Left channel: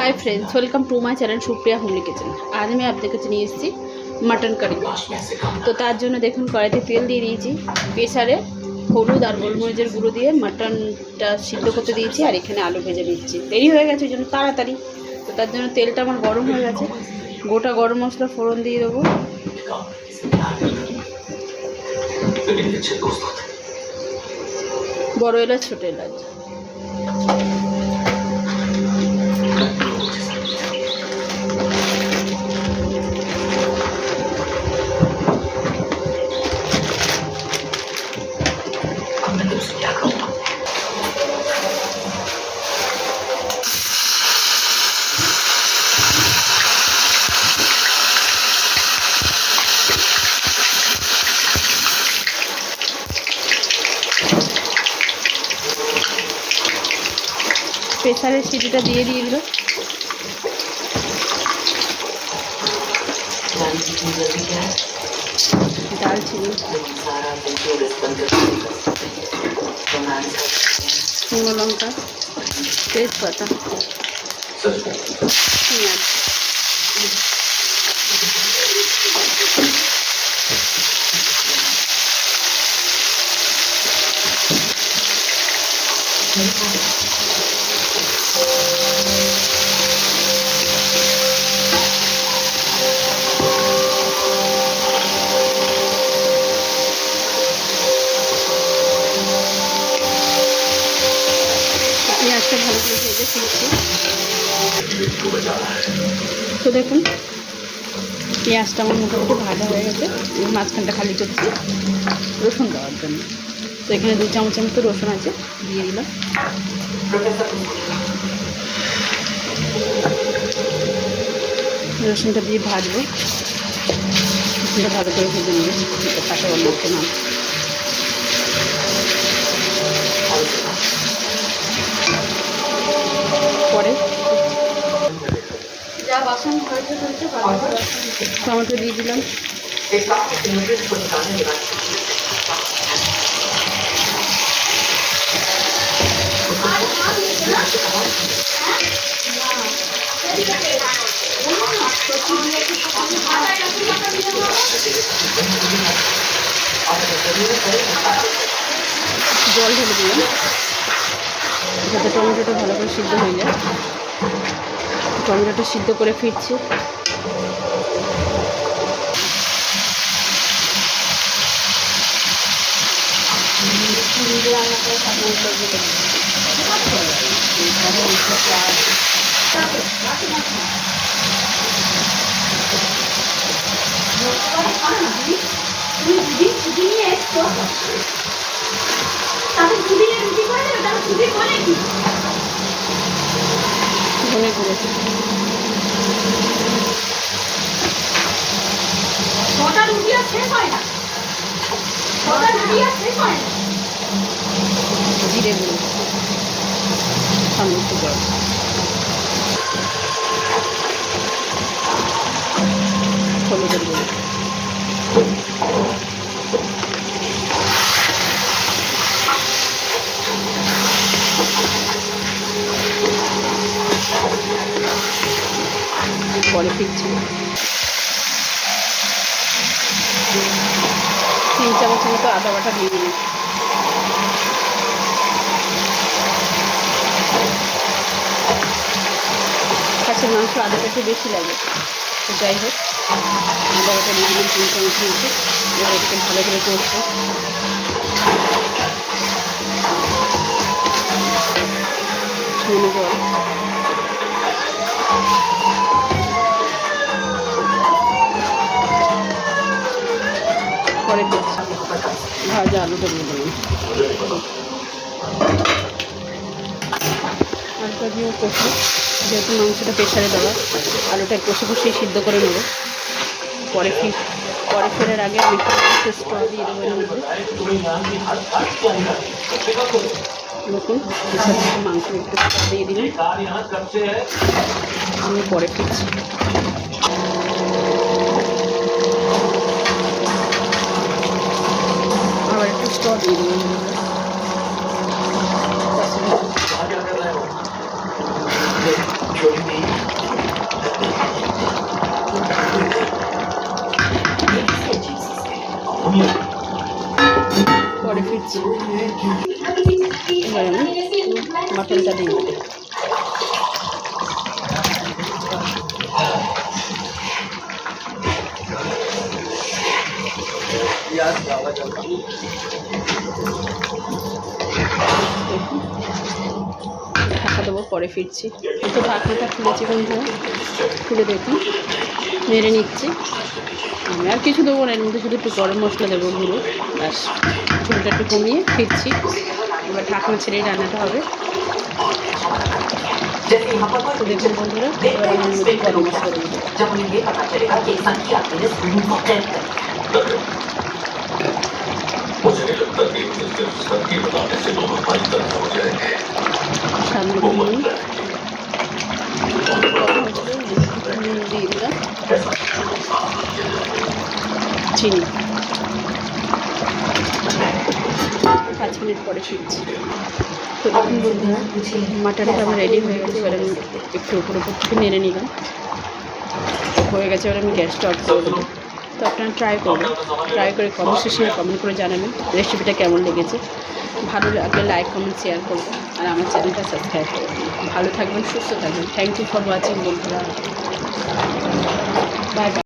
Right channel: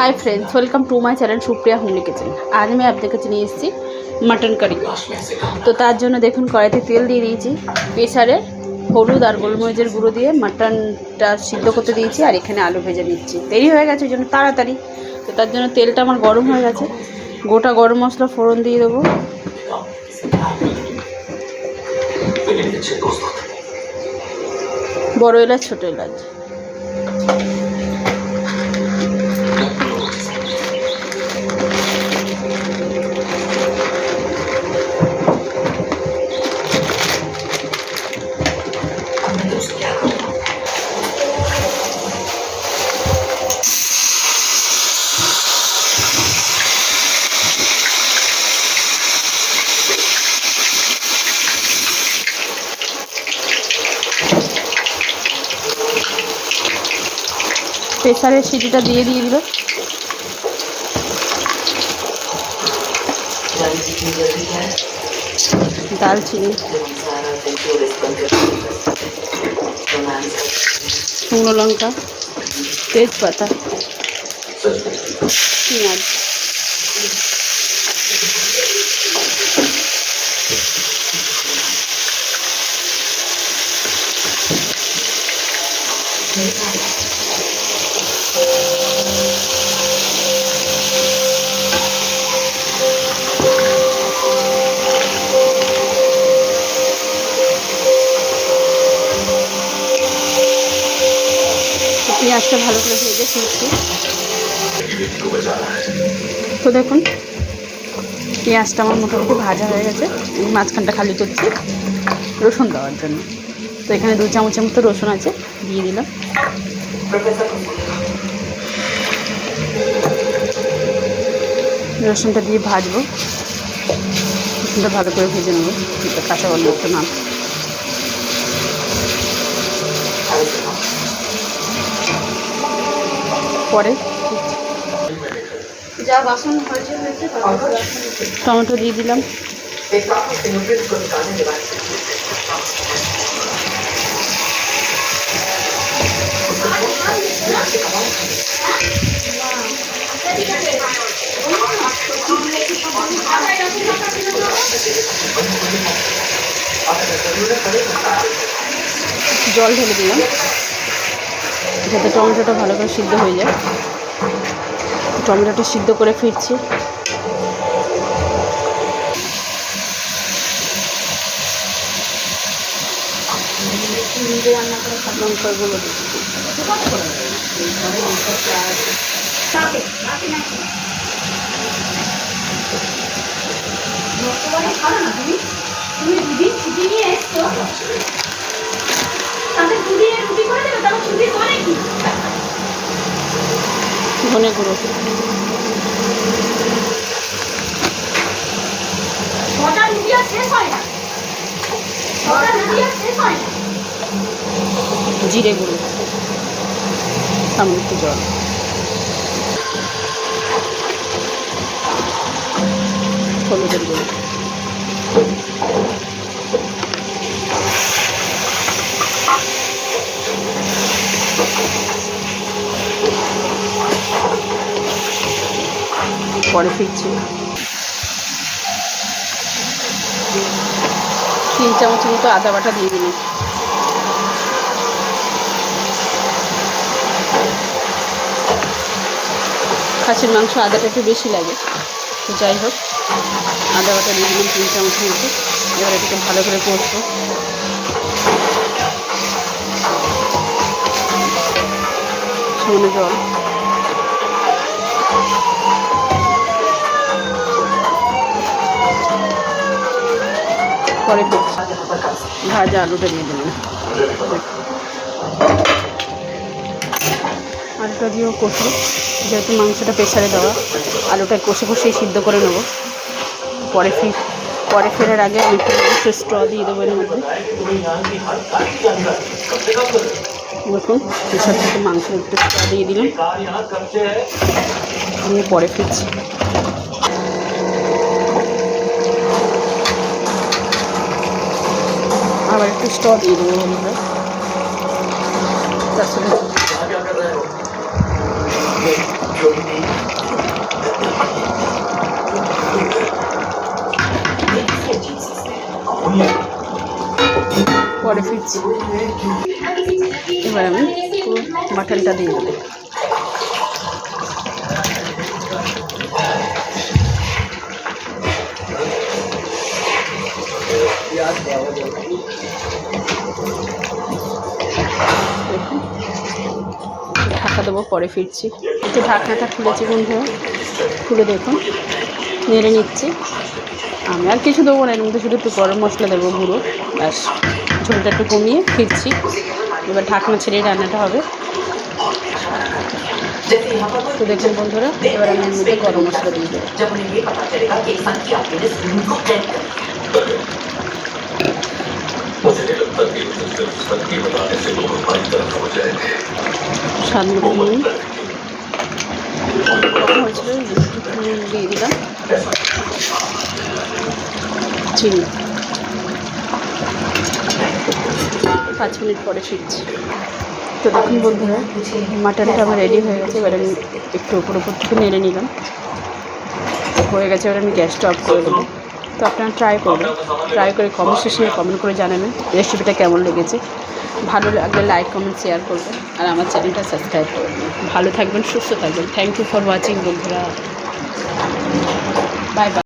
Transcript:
Hi friends, welcome to my channel Supriya homely kitchen. আজ আমি আপনাদের কাছে নিয়ে এসেছি মাটন কারি। তো তার জন্য দেখুন কড়াইতে তেল দিয়ে দিয়েছি, প্রেসারে হলুদ আর গোলমরিচের গুঁড়ো দিয়ে মাটনটা সিদ্ধ করতে দিয়েছি, আর এখানে আলু ভেজে দিচ্ছি। দেরি হয়ে গেছে ওই জন্য তাড়াতাড়ি। তো তার জন্য তেলটা আমার গরম হয়ে গেছে, গোটা গরম মশলা ফোড়ন দিয়ে দেবো। বড় এলাচ, ছোটো এলাচ, প্রেসারের সিটিটা দিয়ে দিল। দালচিনি, শুকনো লঙ্কা, তেজপাতা, পেঁয়াজ, পেঁয়াজটা ভালো করে ভেজে ফিরছি। তো দেখুন পেঁয়াজটা আমার মোটামুটি ভাজা হয়ে গেছে। মাঝখানটা খালি করছি রসুন দেওয়ার জন্য। তো এখানে 2 চামচের মতো রসুন আছে, দিয়ে দিলাম। রসুনটা দিয়ে ভাজবো, রসুনটা ভালো করে ভেজে নেবো, কাঁচা গন্ধটা না। পরে যা বাসন হয়েছে টমেটো দিয়ে দিলাম। জল ঢেলে দিলাম যাতে টমেটোটা ভালো করে সিদ্ধ হয়ে যায়। টমেটোটা সিদ্ধ করে ফিরছি। ধনে গুঁড়ো, জিরে গুঁড়ো, সামান্য জল, হলুদের গুঁড়ো, পরে ফিরছি। 3 চামচের মতো আদা বাটা দিয়ে দিলাম। খাসির মাংস আদাটা একটু বেশি লাগে, তো যাই হোক আদা বাটা দিয়ে দিলাম 3 চামচের মতো। এবার এটাকে ভালো করে কষবো। সামান্য জল, পরে ভাজা আলুটা দিয়ে দিলাম। আলুটা দিয়েও কষবো, যেহেতু মাংসটা প্রেসারে দেওয়া, আলুটা কষে কষেই সিদ্ধ করে নেব। পরে ফেরার আগে আমি একটু স্ট্র দিয়ে দেবো এর মধ্যে। দেখুন প্রেসার থেকে মাংসের একটু স্ট্র দিয়ে দিলাম, আমি পরে ফিরছি। আবার একটু স্ট্র দিয়ে দেবো আমরা। পরে ফিরছি। এবার আমি মাটনটা দিয়ে দেবো। ঢাকা দেবো, পরে ফিরছি। তো ঢাকনাটা খুলেছি বন্ধুরা, খুলে দেখুন নেড়ে নিচ্ছি। আমি আর কিছু দেবো না, এর মধ্যে শুধু একটু গরম মশলা দেবো গুঁড়ো, ব্যাস। ঝোলটা একটু কমিয়ে ফিরছি। এবার ঢাকনা ছেড়েই রান্নাটা হবে। তো দেখুন বন্ধুরা, এবার আমি এর মধ্যে গরম মশলা দিয়ে দেবো। সামনে নুন দিয়ে দিলাম, চিনি। 5 মিনিট পরে ফিরছি। তো দেখুন বন্ধুরা, মাটনটা আমার রেডি হয়ে গেছে। এবার আমি একটু উপর থেকে নেড়ে নিলাম, হয়ে গেছে। এবার আমি গ্যাসটা অফ করে দেবো। তো আপনারা ট্রাই করবেন, ট্রাই করে কমেন্ট শেষে কমেন্ট করে জানাবেন রেসিপিটা কেমন লেগেছে। ভালো লাগলে লাইক কমেন্ট শেয়ার করবেন, আর আমার চ্যানেলটা সাবস্ক্রাইব করবেন। ভালো থাকবেন, সুস্থ থাকবেন। থ্যাংক ইউ ফর ওয়াচিং বন্ধুরা, বাই বাই।